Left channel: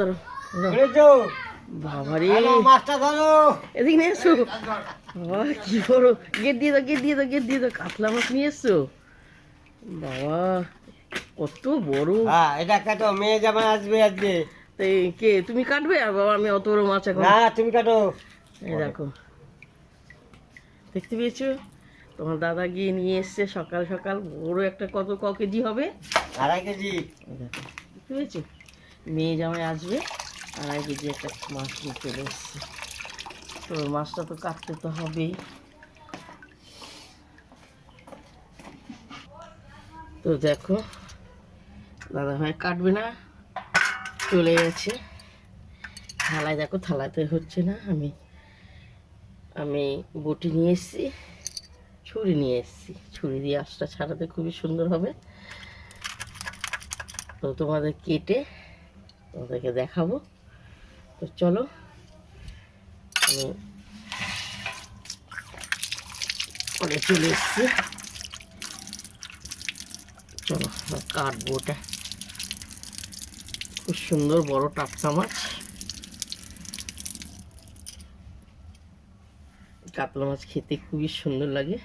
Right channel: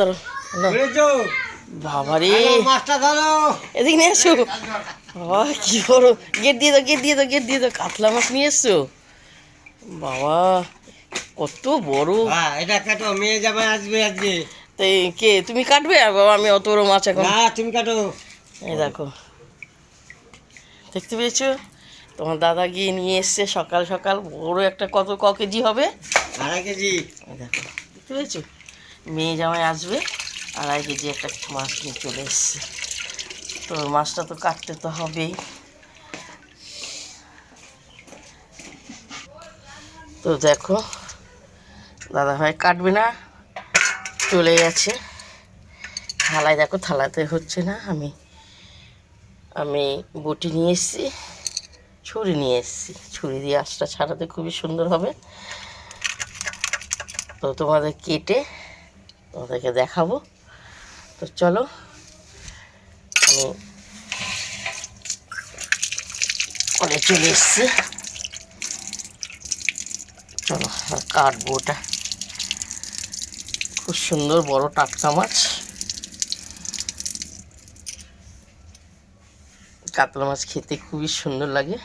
ধরো। ধরো মাছটা এদিকে নিয়ে এসো। বাবা কি করো গেট দিয়ে দাও গেট দিয়ে দাও গেট দিয়ে দাও কাতলা মাছ নিয়ে এসছো। বাবা কত বড়। এটা কাটো মেয়ে জামাই আসবে আজকে তো কে তুমি কাটবে? আর বাবা আমি অত বড় মাছ এখন। না তুমি কাটো এই দেখো। দেখতে পেয়েছ? তোমার দাদা গিয়ে নিয়ে এসছে সকাল সকাল। বড় একটা কত ক কেজি হবে? আড়াই কেজি। দেখো। দেখতে পেয়েছ? মেয়ে জামাই আসবে আড়াই কেজি একটা মাছ নিয়ে চলে এসছে। তো মাছটা তো কাটতে তো হবেই তো দেখো দাদা ভাই কাটবে না, চলে গেছে। থালায় দেখো, থালাতে হচ্ছে না, আমি আমি বটি নিয়ে এসেছি, ছুরি নিয়ে এসেছি। ছুরি দিয়ে আঁশটা ছাড়াতে খুবই সুন্দর হবে। তো তোমাদের কেটে তোমাদেরকে দেখাবো। তো চলো, আমি অনে চলে এসছি। চলো কাটবো ওটা খুব সুন্দর বড় টাটকা মাছ। কাতলা মাছ খেতে খুবই সুন্দর লাগে।